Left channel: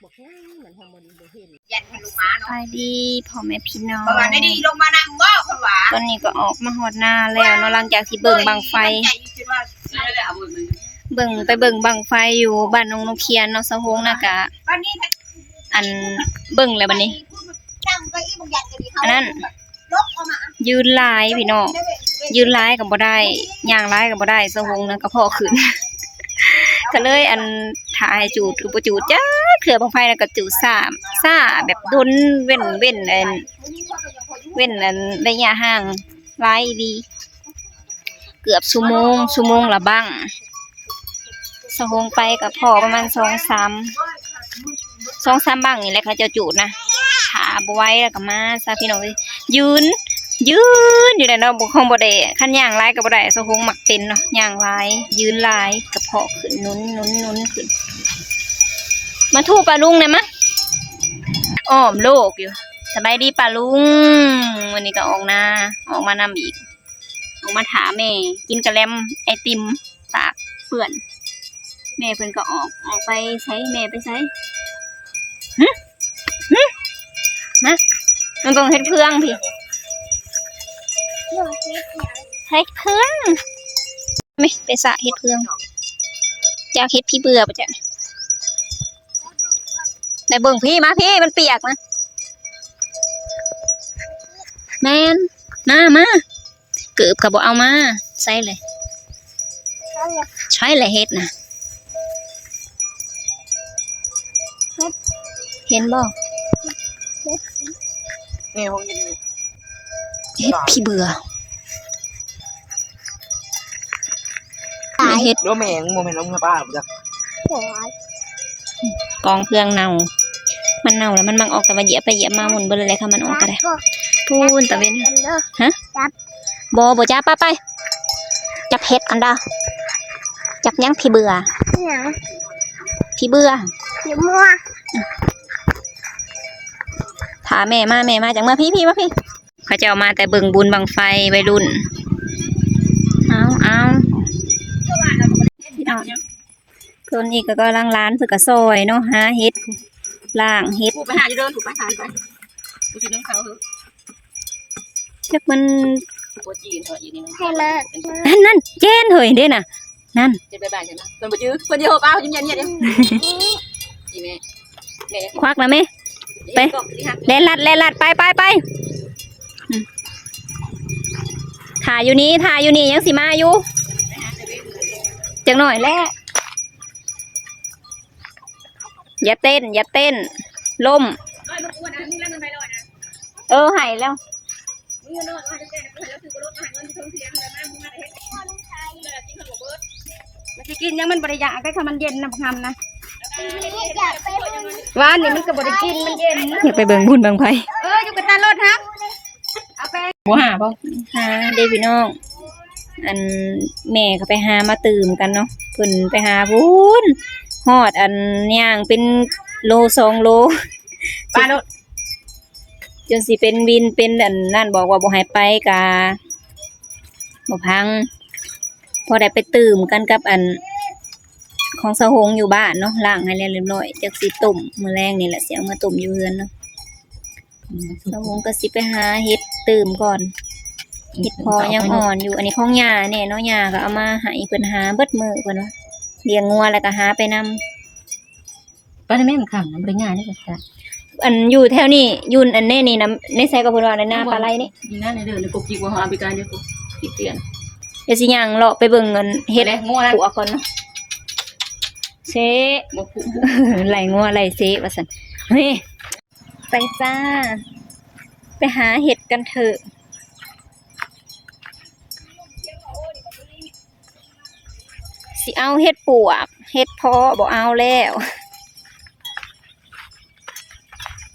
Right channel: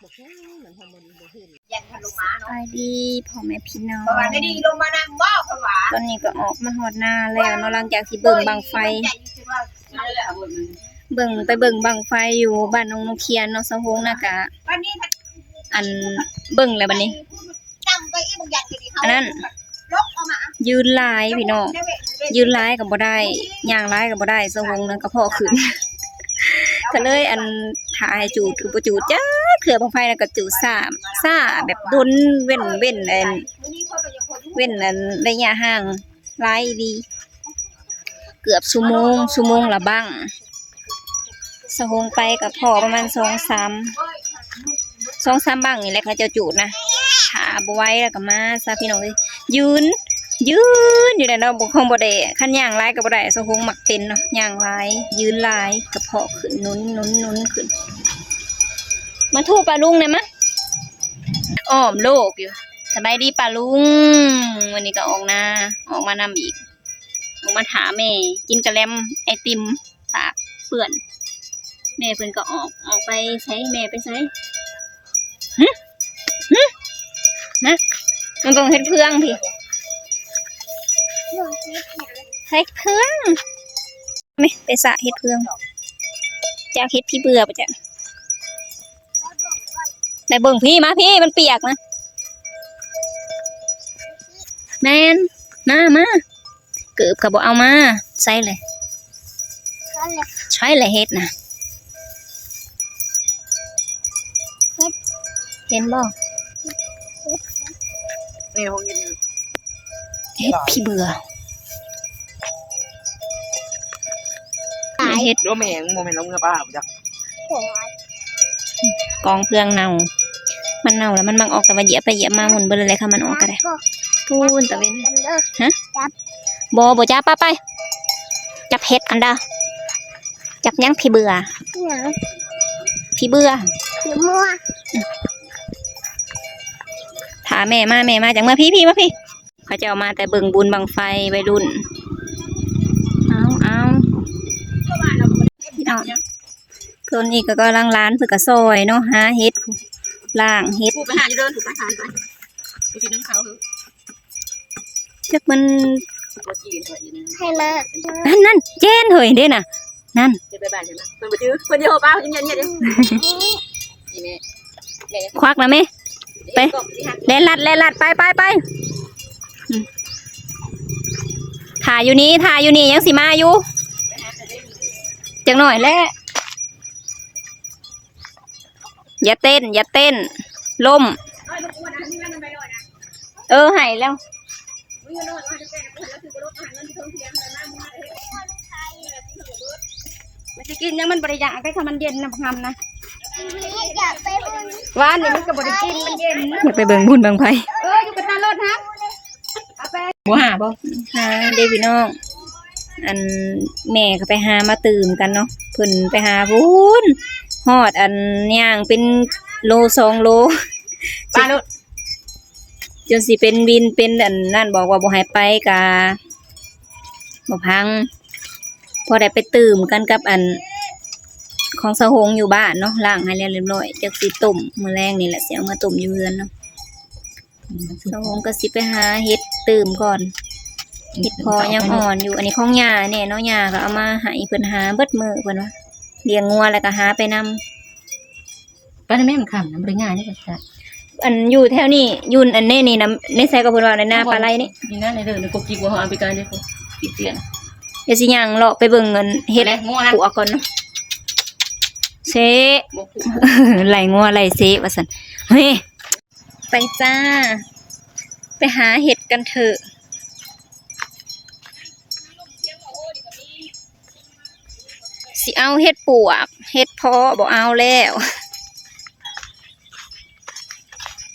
ไปดีพ่อแม่พี่น้อง ได้ดีลงมานำบ่คนหวา ตอนนี้ก็ออกมาหอดหน้าแล้วเนาะหลังจากที่เบิ่งบังไฟเบิ่งบังไฟอยู่บ้านนงนกเคียนเนาะสะโฮงน่ะกะอันเบิ่งแล้วบัดนี้อันนั้นยืนลายพี่น้องยืนลายก็บ่ได้ย่างลายก็บ่ได้สะโฮงนั่นก็พอขึ้น ก็เลยอันถ่ายจูดบ่จูดจ้าเถื่อบังไฟแล้วก็จูดซ่าแบบดนเว้นอันระยะห่างหลายดีเกือบชั่วโมงละบังสะโฮงไปกับพ่อประมาณ2-3บังนี่แหละเขาจะจูดนะขาบ่ไหวแล้วก็มาซะพี่น้องเอ้ยยืนอยู่ได้เนาะบ่คงบ่ได้คันย่างหลายก็บ่ได้สะโฮงมักเป็นเนาะย่างหลายยืนหลายกระเพาะขึ้นนุนขึ้นมาทูปลาลุงได้มะอ้อมโลกอยู่สบายดีปลาลุงวันนี้ก็ออกมานำอีกออกมาถามแม่กินกะแลมไอติมตากเปื่อนแม่เพิ่นก็ออกไปใช้แม่ไปใช้นะมันต้องเฮ็ดเพื่องพี่เฮ็ดเพื่องไม่ไปสระเฮ็ดเพื่องจากเฮ็ดพี่เบื่อปะจ๊ะแต่เบิ่งพี่มาพี่มันเปียกนะแมนมาเกือบกับบอกเอามาใส่เลยใช่เลยเฮ็ดนะเห็นบ่นี่ห้องเย็นเฮ็ดพี่เบื่อเฮ็ดโดแมงโมเมนต์ลงเงาป้าจ้ะกองเพื่องเน่ามันเน่าแล้วมันมักออกแต่ว่าเหยียบไปเหยียบมาหมุนไปเลยค่ะมันออกก็ได้พูนตะเวนฮะบ่จับไปจับเฮ็ดอันดาจับยังพี่เบื่อพี่เบื่อถาแม่มาจากเมื่อพี่มาพี่เขาจะเอามาแต่เบิ่งบุญบังไฟวัยรุ่นเอาพี่น้องคนนี้ก็ล้างร้านเพื่อกระซอยเนาะหาเฮ็ดล่างเฮ็ดผูกไปหาจะเดินผูกไปหาไปดูสิน้องเขาเหรอจักมันตัวจีนเหรออยู่นี่ให้มานั่นเจนเฮ้ยเด้น่ะนั่นจะไปใช่ไหมเพิ่นบ่จื้อเพิ่นเดียวป้ายิ้มยันเนี่ยเด้อีแม่ควักนะแม่ไปแล่นลัดไปถ่ายอยู่นี่ยังสิมาอยู่จังหน่อยแหละอย่าเต้นล่มหายแล้วมันจะกินยังมันบริยาก็ทำมันเย็นนะทำนะวานนี่มันก็บริกินมันเย็นอยากไปเบิ่งบุญบางไผอยู่กับตารถฮะบ่หาบ่หาเดพี่น้องอันแม่ก็ไปหามาตื่มกันเนาะเพิ่นไปหาพูนฮอดอันย่างเป็นโล2 โลปลาโลดจนสิเป็นวินเป็นอันนั่นบอกว่าบ่ให้ไปกะบ่พังพอได้ไปตื่มกันกับอันของสะโฮงอยู่บ้านเนาะล้างให้เรียบร้อยจักสิต้มมื้อแรงนี่แหละสิเอามาต้มอยู่เรือนเนาะสะโฮงก็สิไปหาเฮ็ดตื่มก่อนเฮ็ดพอยังอ่อนอยู่อันนี้ของย่าเนี่ยเนาะย่าก็เอามาให้เพิ่นหาเบิดมื้อเพิ่นว่าเลี้ยงงัวแล้วก็หาไปนำป้าแม่มันขำน้ำบริง่ายนี่ก็ค่ะอันอยู่แถวนี้ยุ่นอันนี้นี่นะในไซก็เพิ่นว่าในนาปลาไหลนี่นี่นะในเด้อในกบจิกว่าเฮาเอาไปการเด้อติดเตียนเดี๋ยวสิย่างเลาะไปเบิ่งเงินเฮ็ดปัวก่อนเนาะเซไหลงัวไหลเซว่าซั่นเฮ้ยไปจ้าไปหาเห็ดกันเถอะสิเอาเห็ดปวกเห็ดพอบ่เอาแล้ว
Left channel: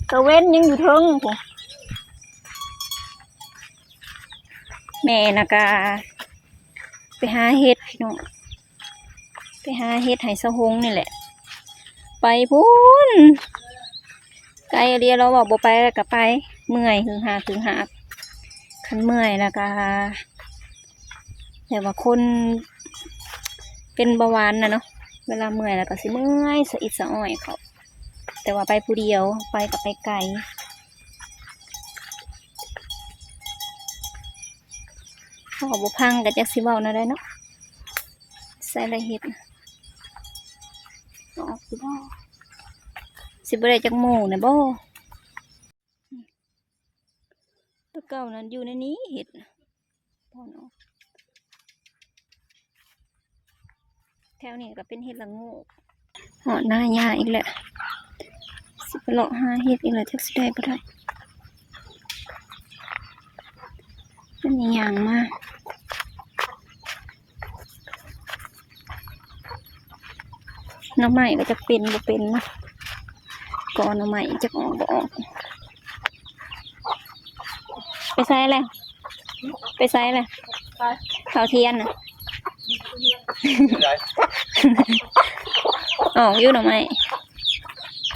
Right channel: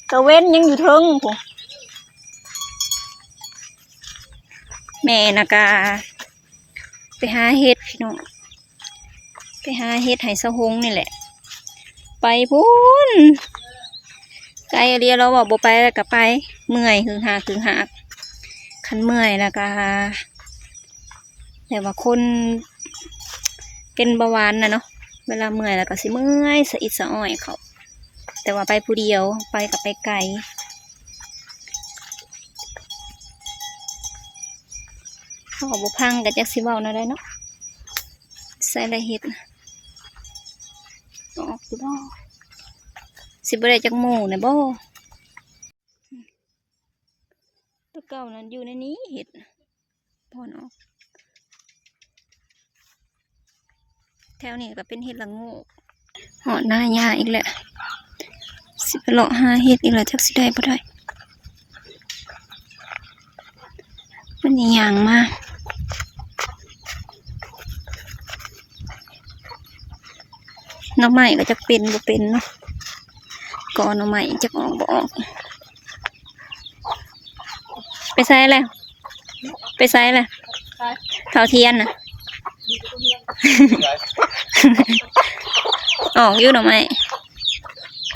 ตะเว้นยังอยู่เทิงพุ่นแม่นะกาไปหาเห็ดพี่น้องไปหาเห็ดไหสะโฮงนี่แหละไปพูนไกลเรียเราบอกบ่ไปแล้วก็ไปเมื่อยคือหากคันเมื่อยแล้วก็แต่ว่าคนเป็นเบาหวานนะเนาะเวลาเมื่อยแล้วก็สิเมื่อยสะอิดสะอ้อยเขา แต่ว่าไปผู้เดียวไปกับไปไกลพอบุพังกับจักสิเว้านะได้เนาะใส่ละเห็ดน่ะออกอยู่บ่สิบ่ได้จักหมู่นะบ่ตัวเก่านั้นอยู่ในนี้เห็ดน่ะพอนออกแถวนี้ก็เป็นเห็ดละโงูหอดหน้าหญ้าอีกแหละสิไปเลาะหาเห็ดอีกแล้วจักสิได้บ่ได้มันนี่ย่างมาหน่อไม้ก็จะเป็นบ่เป็นเนาะก่อนหน่อไม้จะออกบ่ออกไปใส่แล้วไปใส่แล้วเผาเทียนน่ะ ออกอยู่หน่อไม้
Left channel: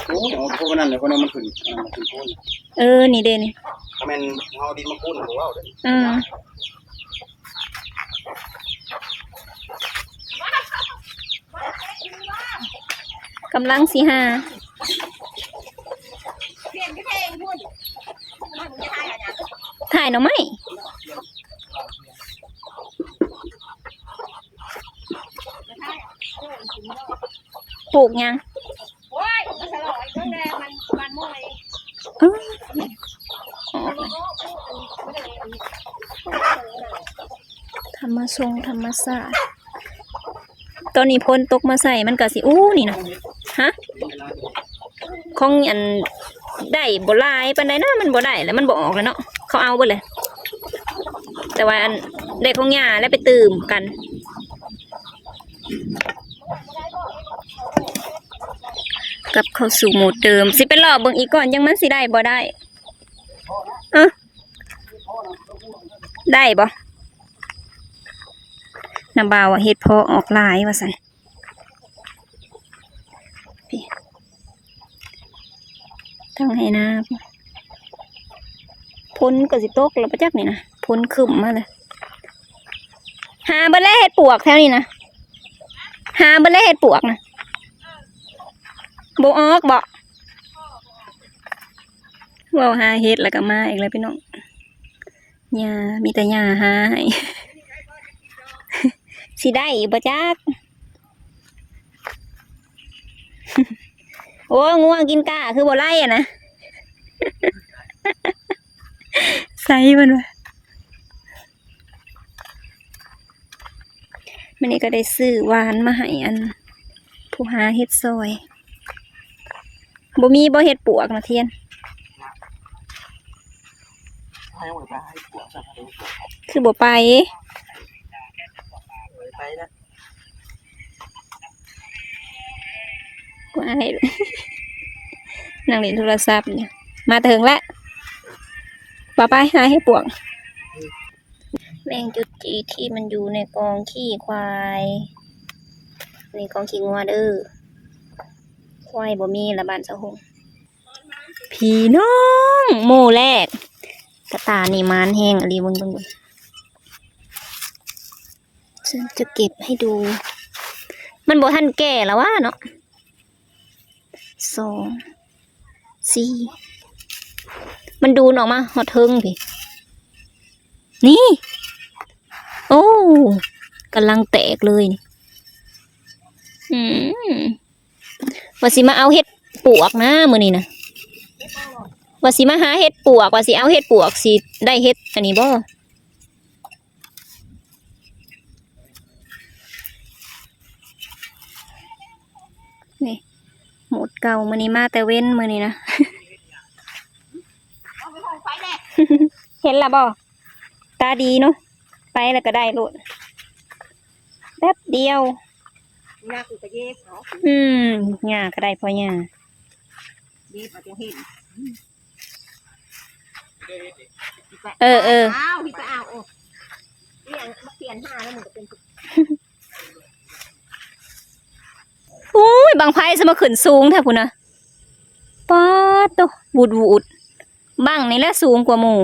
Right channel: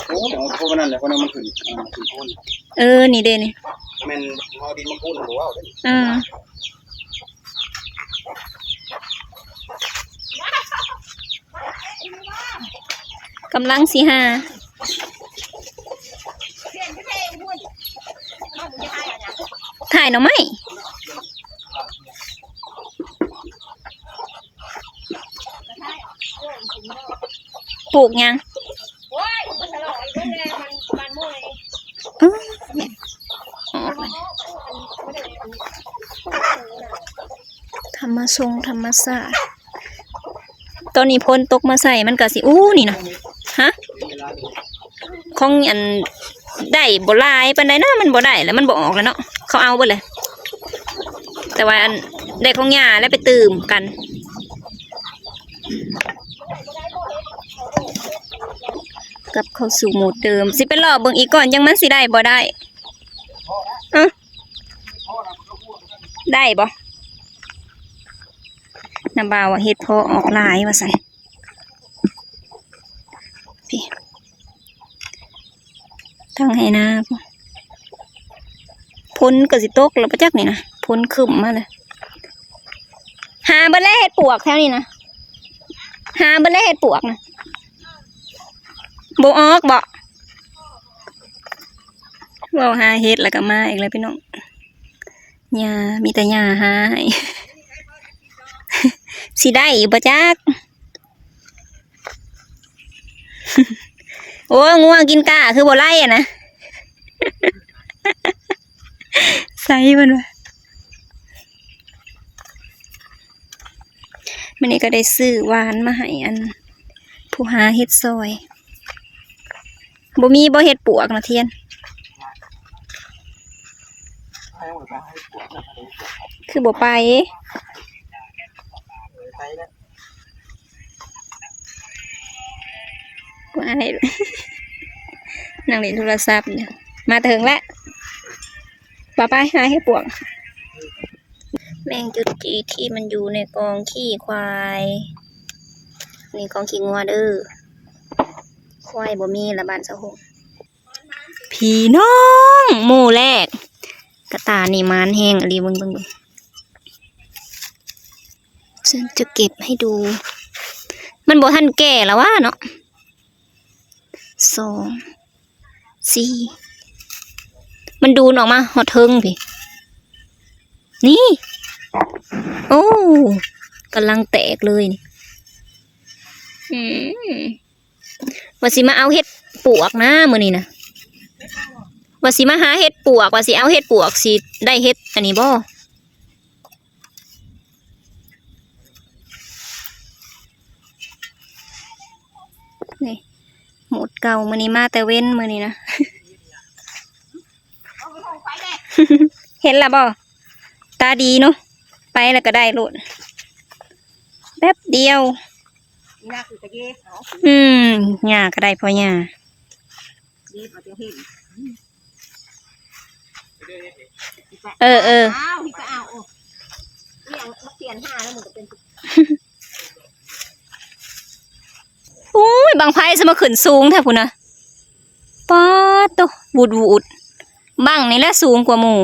โอ้ยเอาพวกนั้นแหละคนนั้นมันขึ้นมันขึ้นโคน นี่เด้นี่ ถ้าแม่นเอาดินมาโคนหัวเอาเด้อ กำลังสิหาถ่ายหน่อไม้ปลูกยังเออออกเลยธรรมชงธรรมศาสตร์ตอนนี้พ้นตกมาใส่มันก็สินี่เนาะฮะของอันได้บ่หลายปานใดนะมันบ่ได้แล้วมันบ่ออกแล้วเนาะเขาเอาเบิดเลยแต่ว่าอันได้ของย่าแล้วไปตื่มกันกับเข้าสู่โหมดเดิมสิไปรอเบิ่งอีกก่อนยังมันสิได้บ่ได้ได้บ่น้ำบ่าวว่าเฮ็ดพอออกหลายว่าซั่นพี่ทั้งให้นาพ้นก็สิตกแล้วประจักนี่นะพ้นขึ้นมาเลยหาเบิ่งแล้วเฮ็ดปวกแถวนี้นะหาเบิ่งแล้วเฮ็ดปวกนะบ่ออกบ่เว้าหาเฮ็ดแล้วก็มาอีกแล้วพี่น้องหญ้ามีแต่หญ้าหาให้สิได้บ่จัก โอ้ง่วงกินกาคือบ่ไล่อะนะ ใส่มันวะมันนี่ก็ได้ซื้อหวานมาให้อันผู้หาเฮ็ดซอยบ่มีบ่เฮ็ดปวกนะเทียน ให้หมดไปให้ปวดนะให้ปวด คือบ่ไป ไปนะ บ่อาย นั่งเล่นโทรศัพท์เนี่ยมาถึงแล้วป้าไปหาเฮ็ดปวกแมงจุดจีที่มันอยู่ในกองขี้ควายนี่กองขี้งัวเด้อควายบ่มีละบ้านสะหงพี่น้องหมู่แรกกระตานี่มานแห้งอะไรเบิ่งฉันจะเก็บให้ดูมันบ่ทันแก่แล้ววะเนาะ2 4มันดูนออกมาหอดเทิงพี่นี่โอ้กำลังแตกเลยนี่ว่าสิมาเอาเห็ดปวกนะมื้อนี้นะว่าสิมาหาเห็ดปวกว่าสิเอาเห็ดปวกสิได้เห็ดอันนี้บ่นี่หมดเก่ามื้อนี้มาแต่เว้นมื้อนี้นะ เห็นละบ่ตาดีเนาะไปแล้วก็ได้โลดแป๊บเดียวหญ้าก็ได้พอหญ้าโอ้ยบางไพ่สมาขึ้นสูงแท้พุ่นนะป๊าดโตวูดบังนี่แหละสูงกว่าหมู่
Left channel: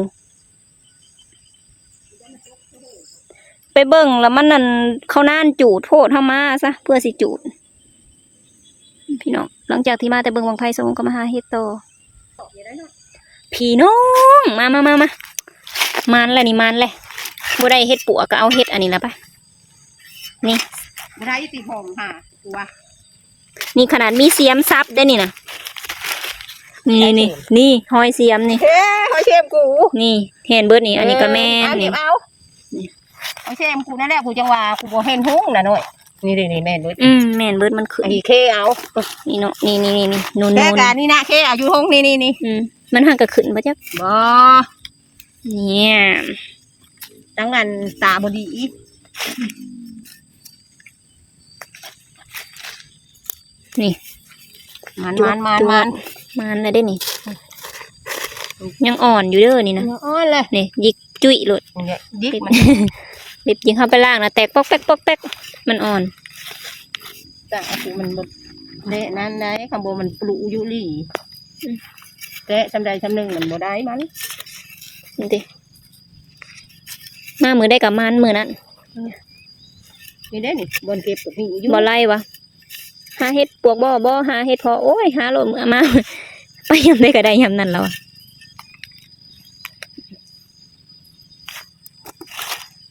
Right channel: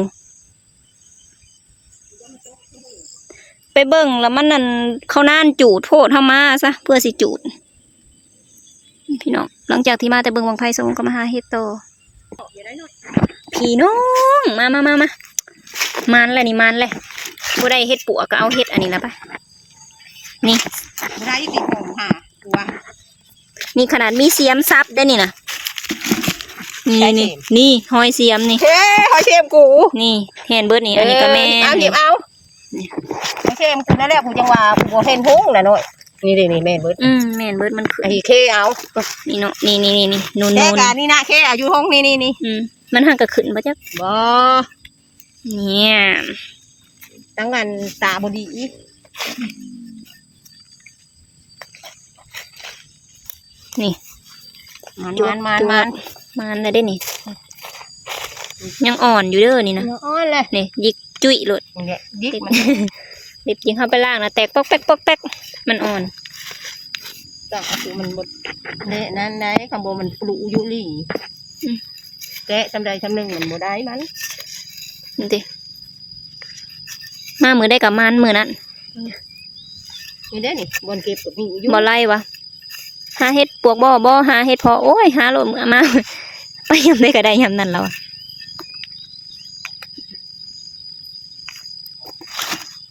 ไปเบิ่งแล้วมันนั่นเขาน่านจูดโพดเข้ามาซะเพื่อสิจูด พี่น้องหลังจากที่มาแต่เบิ่งวังไผ่สงก็มาหาเฮ็ดต่อพี่น้องมามันแหละนี่มันแหละบ่ได้เฮ็ดปัวก็เอาเฮ็ดอันนี้ละไปนี่ ได้ติหอมค่ะตัว นี่ขนาดมีเสียมซับได้นี่นะนี่หอยเสียมนี่ เฮ้หอยเชมกู นี่เห็นเบิดนี่อันนี้ก็แม่ เอาหยิ นี่ บเอาหอยเชมกูนั่นแหละผู้จังว่าผู้เห็นหุ้งน่ะหน่อยนี่ดินี่แม่นเบิด แม่นเบิดมันขึ้น ไอ้เคเอา นี่เนาะนี่นูน แต่การนี่นะเคเอาอยู่ห้องนี่มันห่างก็ขึ้นบ่จัก บ่ เนี่ย ตั้งอันตาบดีนี่ มันแล้วได้นี่ยังอ่อนอยู่เด้อนี่นะ อ้อนเลย นี่ยิกจุ้ยโลด เนี่ยยิกมัน รีบยิงเข้าไปล่างนะแตกปอกแป๊กมันอ่อน แต่คือมันหมดเนี่ยนั่นได้ข้างบนมันปลูอยู่ลี่แต่จำใดจำหนึ่งมันบ่ได้มัน นี่ติมามือได้กับมันมือนั้น นี่เด้นี่บนเก็บกับนี่อยู่ บ่ไล่วะหาเฮ็ดปวกบ่หาเฮ็ดพอโอ้ยหาโลดมือมา ไปยำได้ก็ได้ยำนั่นแล้วอะ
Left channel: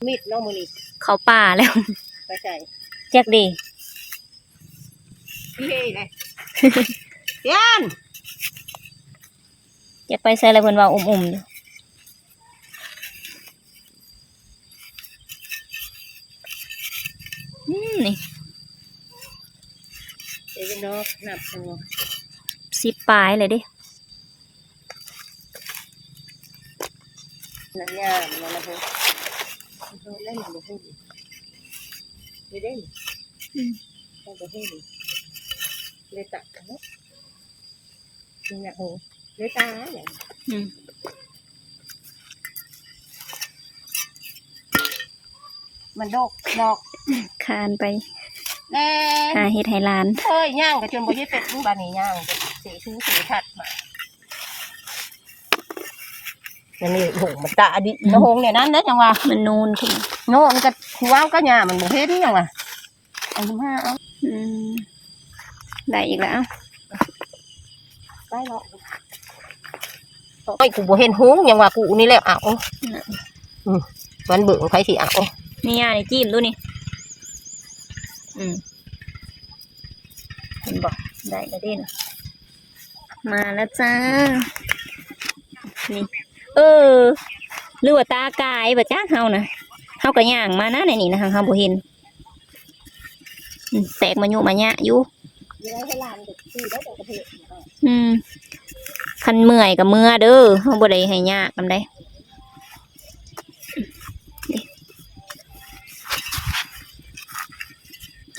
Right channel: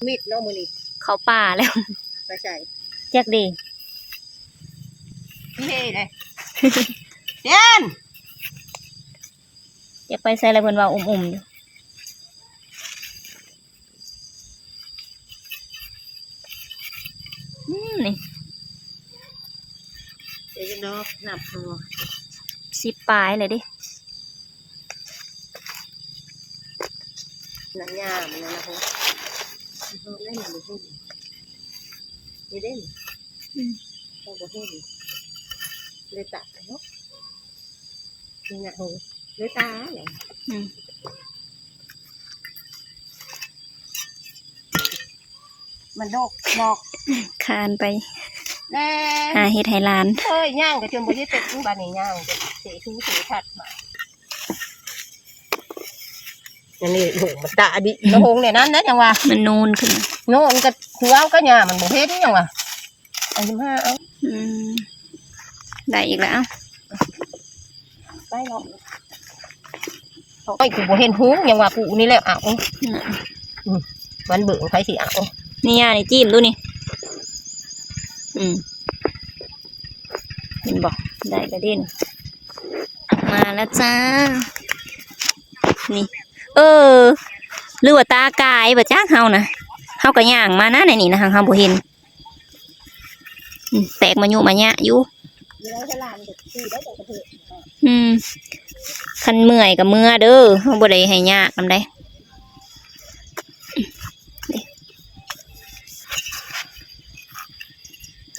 มีดน้องมือนี่ เขาป่าแล้ว ไปใส่ แจ็คดี พี่เฮ้เลยเย็น อยากไปใส่อะไรเพิ่นว่าอุ่มๆอยู่นี่ เดี๋ยวจะดอกนับหัว 10 ปลายเลยดิ หนังยาวมันนะพูเล่นมันพูดไม่เล่นเราก็พูดเลยตัดเนาะนี่นะหูเลยตาอย่างมันดอก คานไป แน่ หาเฮ็ดให้หลาน เฮ้ยย่างกับจนบ่ได้เป็ดบ้านนี้ย่างสีชูสีถัดมาอันนี้โหมันตาดิกระหงเนี่ยนั่นนะจังว่า มันนูนขึ้น โน่นก็หัวก็หญ้ามันบ่เฮ็ดนี่จังว่าอัน25เอา ได้อีกแล้ว ไปเนาะโอ้ยกูบ่เห็นหุ้งจังว่ากูนี่แหละเอาวันเบิ่งไผสิเอา นี่ย่านี่จิ้มดูนี่เห็นบอกได้กระเด็นมาแล้วจ้านี่หรือว่าตากายบ่จ้าเฮานะเฮาก็ย่างมานะในนี่นะเฮาบ่เห็นแตกมายุมาญะอยู่คันเมื่อยกับเมื่อเด้อเฮาบ่ได้ให้ยากนำได้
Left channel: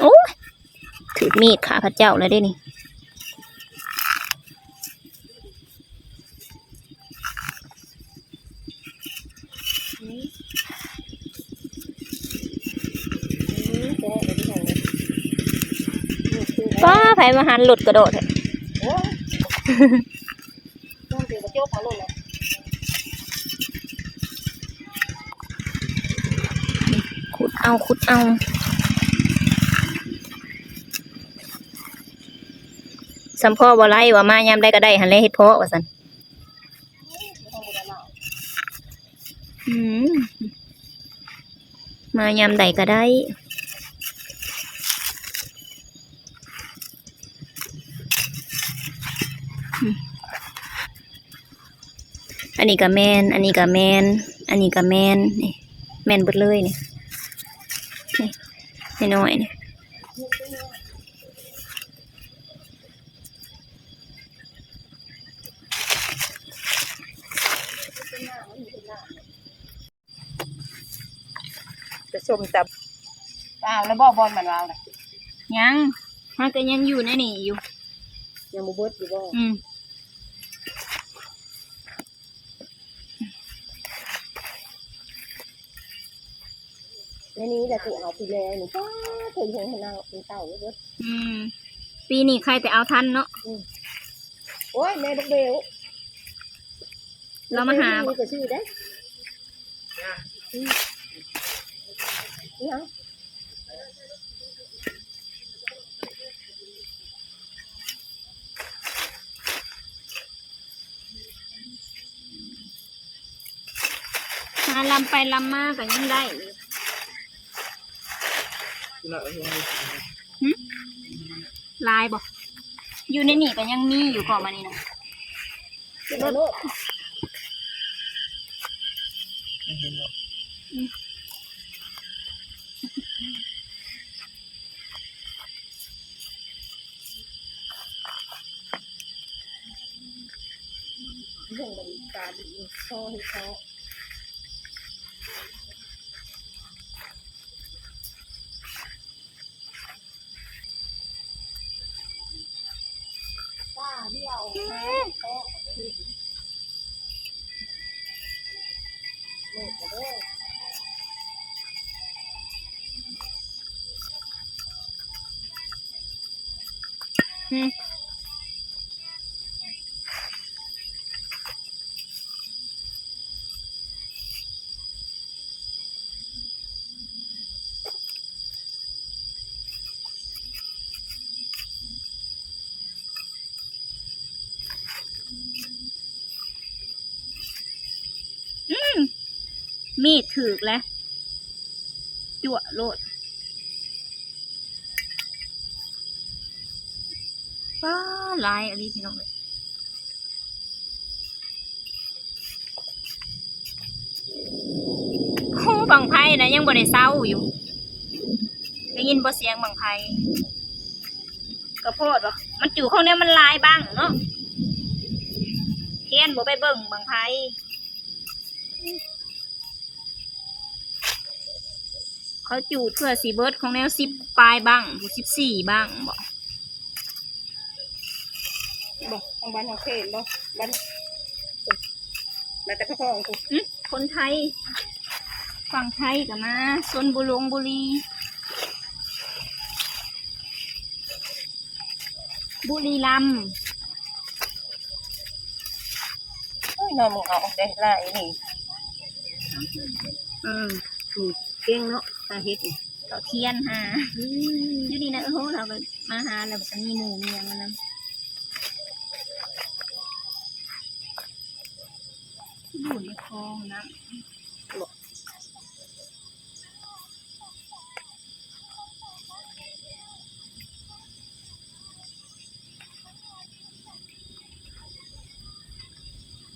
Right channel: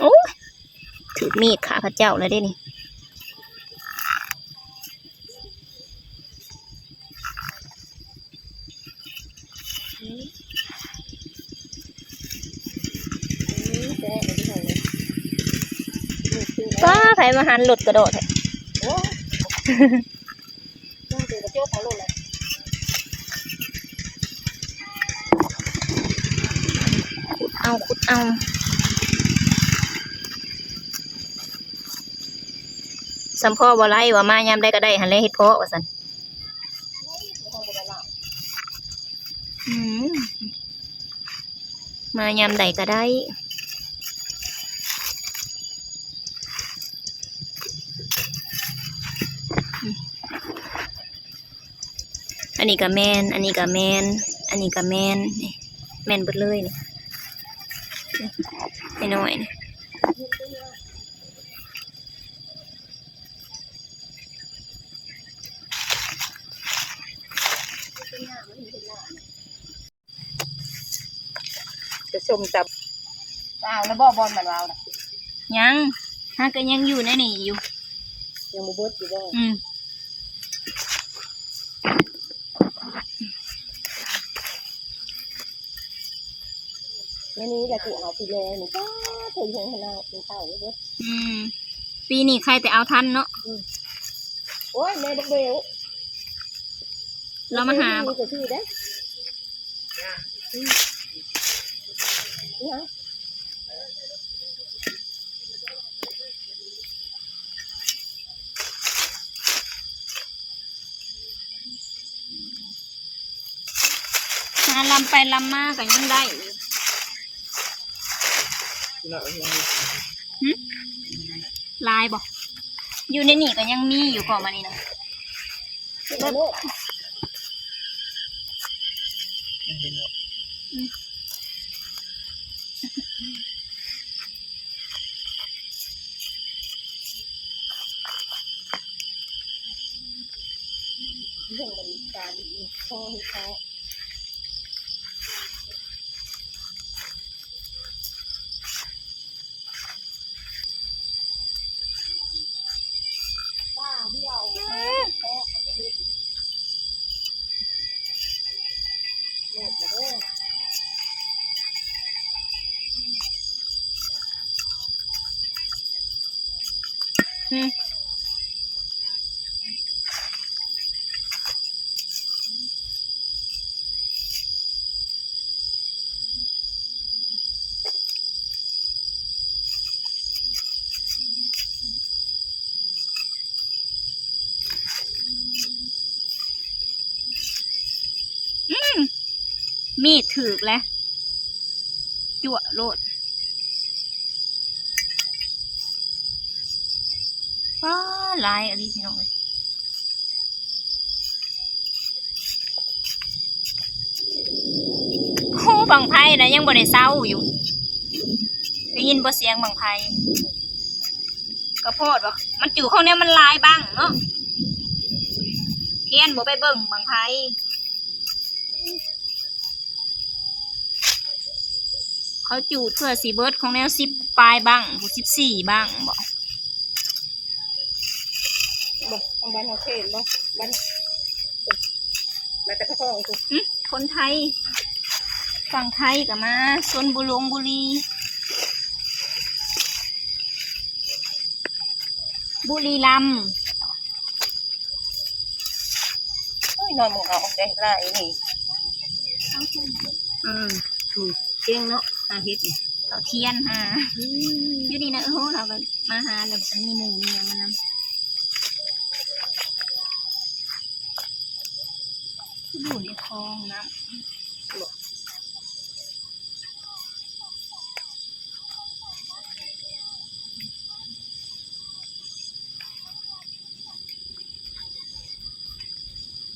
โอ้ถือมีดขาพระเจ้าเลยได้นี่ป้าไผมาหันหลุดกระโดดเถอะขุดเอาสัมพ่อบ่ไล่ว่ามายามได้ก็ได้หันเลยเฮ็ดเพาะว่าซั่นมายามใดก็ได้อันนี้ก็แมนอันนี้ก็แมนอันนี้ก็แมนนี่แมนเบิดเลยนี่นี่น้อยนี่จะชมจับแล้วบ่บอลมันเราน่ะ ยังถ้าก็ยังอยู่ในนี่อยู่ ยังบ่เบิดอยู่บ่แล้วนี้แหละกูเอาไปเลยนี่ก็เคยเห็นเราเป็นเต่าเบิด ปีนี้ใครแต่เอาทันเนาะ โอ้ยแม่บักเบล เรามาหา มีก็ชื่อได้ าลำไปลำมาก็ยังได้อยู่ลายบ่อยู่ในนี่ก็ยังมีอยู่ก่อนมานี่นะเบิ่งลูกเรื่องมันตาดีคอให้เขามีดถือกแล้วจั่วโลดว้าลายอะไรพี่น้องเลยโอ้บังไพ่นะยังบ่ได้เศร้าอยู่ได้ยินบ่เสียงบังไพ่กระโพดว่ามันจู่ข้างนี้มันลายบ้างเนาะเทียนบ่ไปเบิ่งบังไพ่เขาจูดเพื่อสีเบิร์ดของแนว10 ปลายบ้าง14บ้างบอกทางบ้านเขาเขตบ่บ้านมาแต่พ่อของกูคนไทยฝั่งไทยกับมาชลบุรีบุรีรัมย์นอนมึงเอาได้ละไอ้นี่ถูกเจียงเนาะอาเฮ็ดเต่าเทียนหาอยู่ดีนะโอ้โหเราก็มาหาแล้วมันมีหมูมีอย่างนั้นอยู่ในคลองน้ำ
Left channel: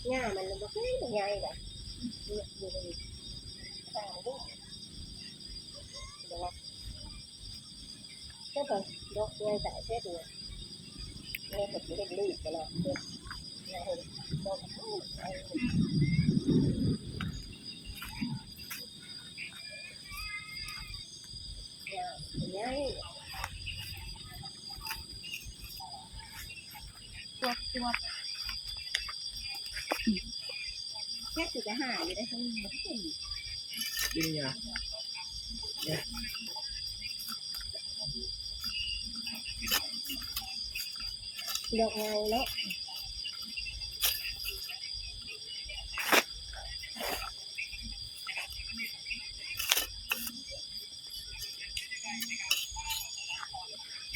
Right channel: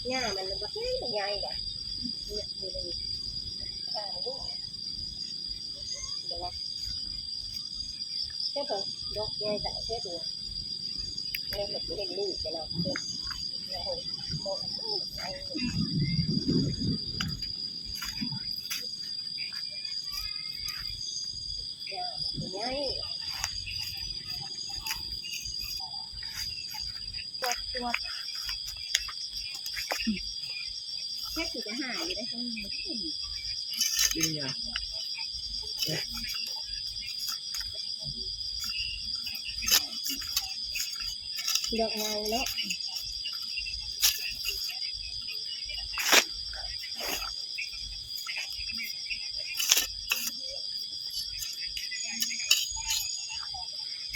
หญ้ามันบ่ใช่ใหญ่ล่ะเนี่ยอยู่ในข้างลูกเดี๋ยวว่าแค่ต้องดอกใหญ่แต่แค่ตัวเนี่ยมันสิเห็นลูกกันเนาะเนี่ยเห็นดอกไอ้หญ้ามันใหญ่ตัวแค่สิจะหาอยู่ได้ทั้งหมดกินยาดอกไม้เนาะ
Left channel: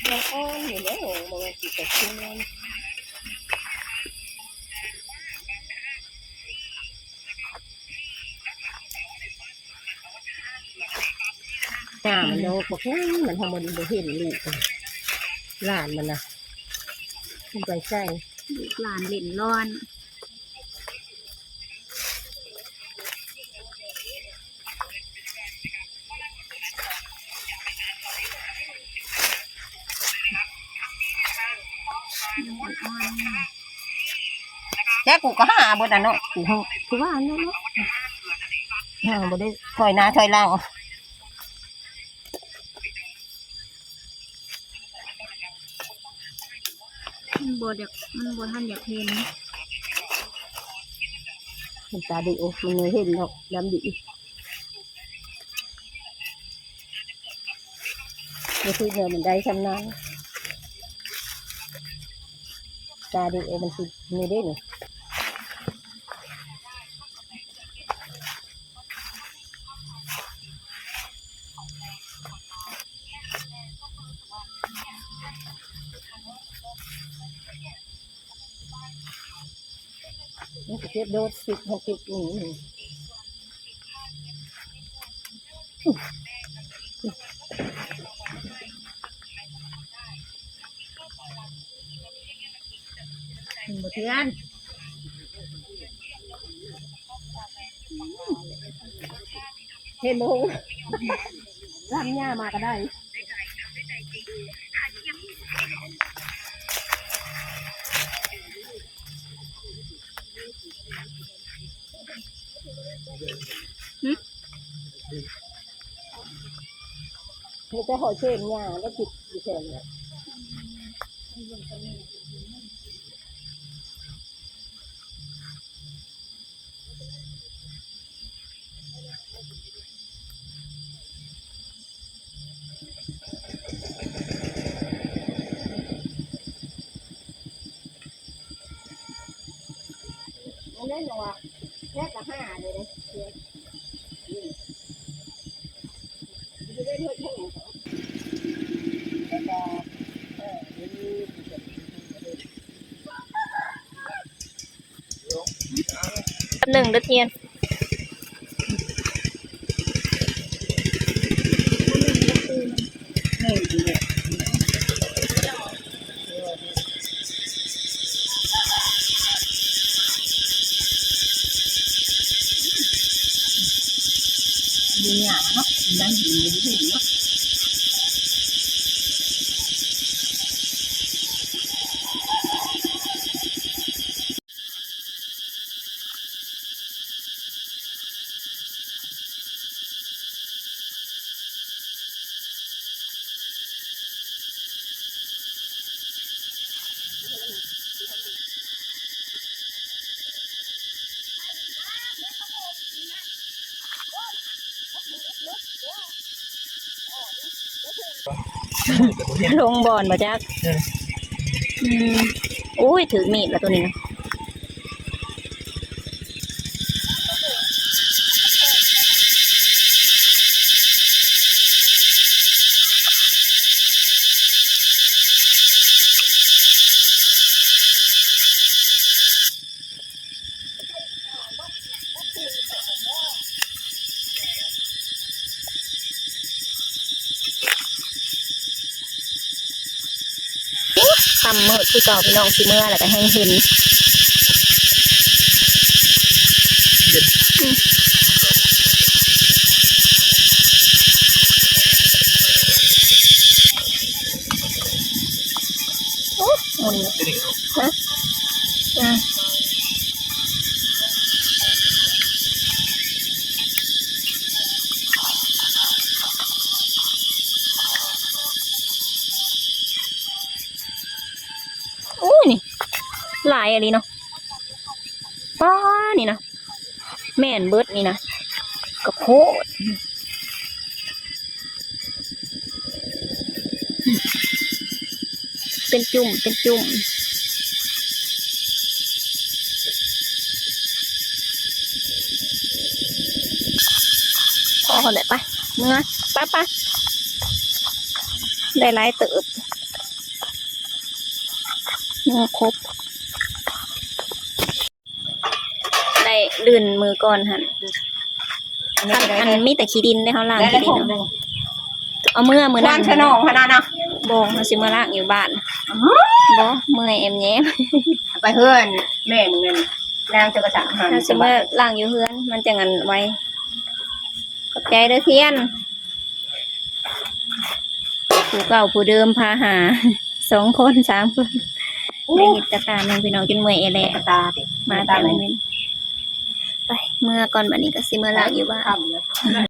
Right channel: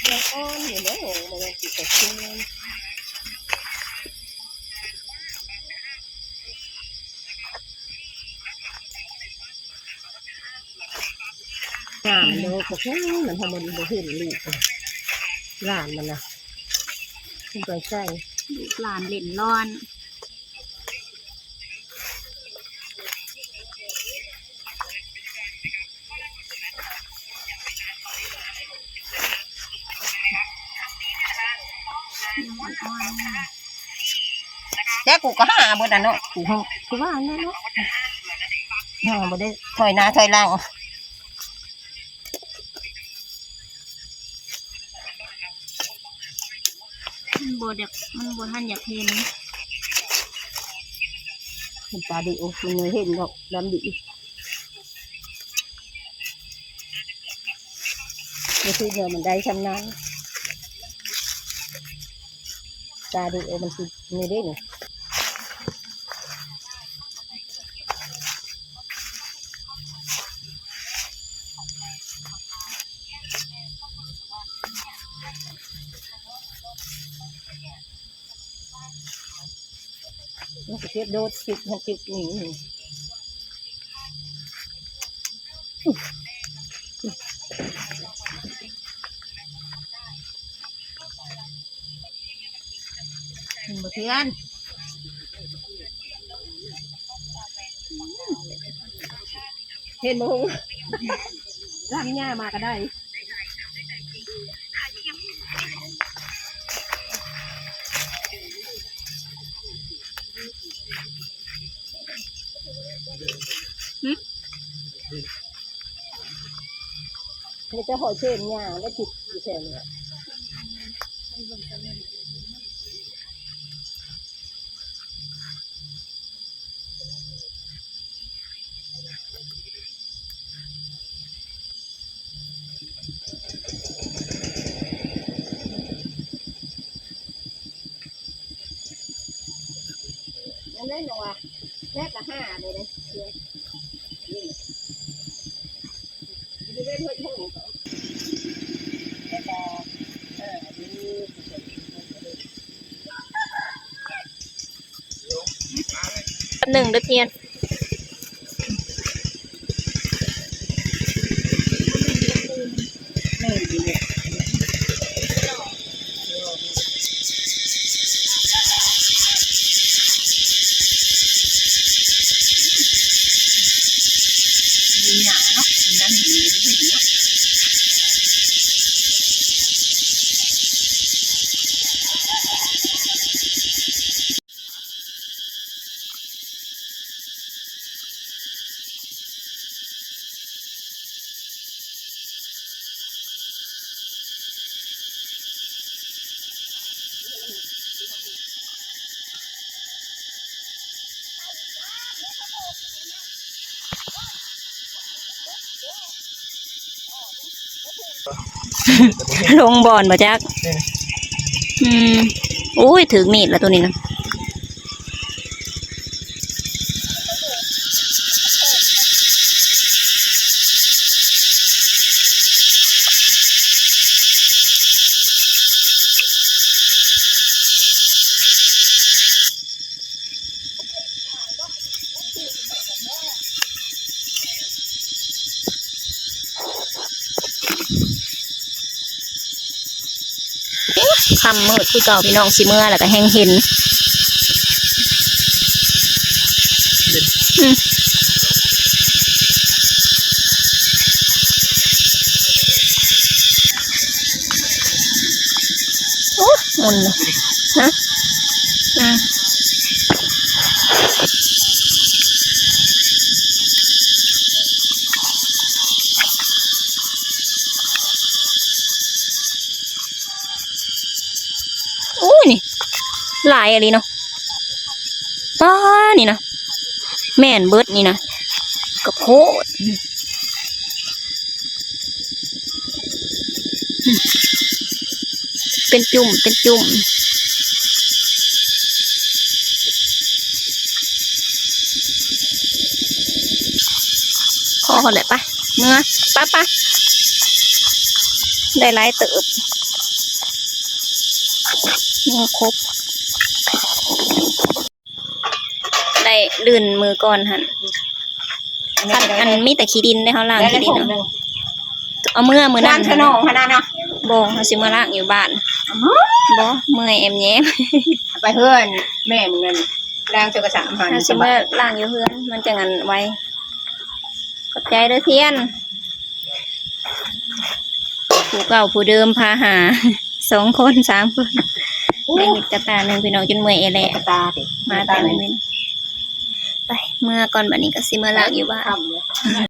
ดอกอ้อนอยู่เนาะมันสิจะขึ้นโลกก็มันทำมันบ่เห็นลูกหลานมันนะใจใส่ลูกหลานเล่นร้อนแล้วกูก็หาบ่ได้เนาะกูคือว่านั่นเนาะหาบ่ได้ถอยหน้าถอยหลังมันบท่านอยากเห็นมันตาดีโอ้มันเลยเห็นดอกดำดีเดี๋ยวเดี๋ยวมันได้ชำนาญตาดีโอ้มันคือไม่ได้เนี่ยมันจะเทียบโดด10 60นี่ บ่เทือนเห็นบ่ฮู้ทำหญ้ามาก็ได้นี่จะหอยเช่นหญ้าแล้วจิตอยู่แถวนี้นั่นเลยนะว่าแค่ละ5เลยนะหนึ่งเด้อเทียนมีหญ้าเนาะนั่นเห็นอยู่ที่เนาะลงบ่อนบ่จักอุ้ยถือมีดแล้วตัวนี้นะคำมืดคือเก่าพี่น้องสิเมื่อแล้วก็แห้งเห็นโอ้มุนเลยฮะโอ้ยนี่หลายอะไรเนาะป้านี่นะแม่นเบิดนี่นะกระโพดเป็นจุ่มเป็นจุ่มพอแหละปะเมื่อป้าได้หลายเติบมือครบได้ลื่นมือก่อนหันอันมีแต่ขี้ดินได้เขาล้างขี้ดินเนาะเอามือนั่ ร้าน นขนมขนาดนะ โบงเขาสิมาล้างอยู่บ้านบ่เมื่อยแอมแย้ม ไปเพื่อนแม่มึงนั่นแรงเจอกระสังหัน เขาสิมาล้างอยู่เฮือนมันจะงันไว้ขอบใจเด้อเทียนผู้เก่าผู้เดิมพาหา2 คน3 คนได้เห็ดกระตาหนึ่งพี่น้องจนเมื่อยแหละ ตาเด็ก มาแต่ไม่เป็นไปเมื่อก่อนบัดนี้ก็สิมาล้างอยู่บ้าน ทำเลย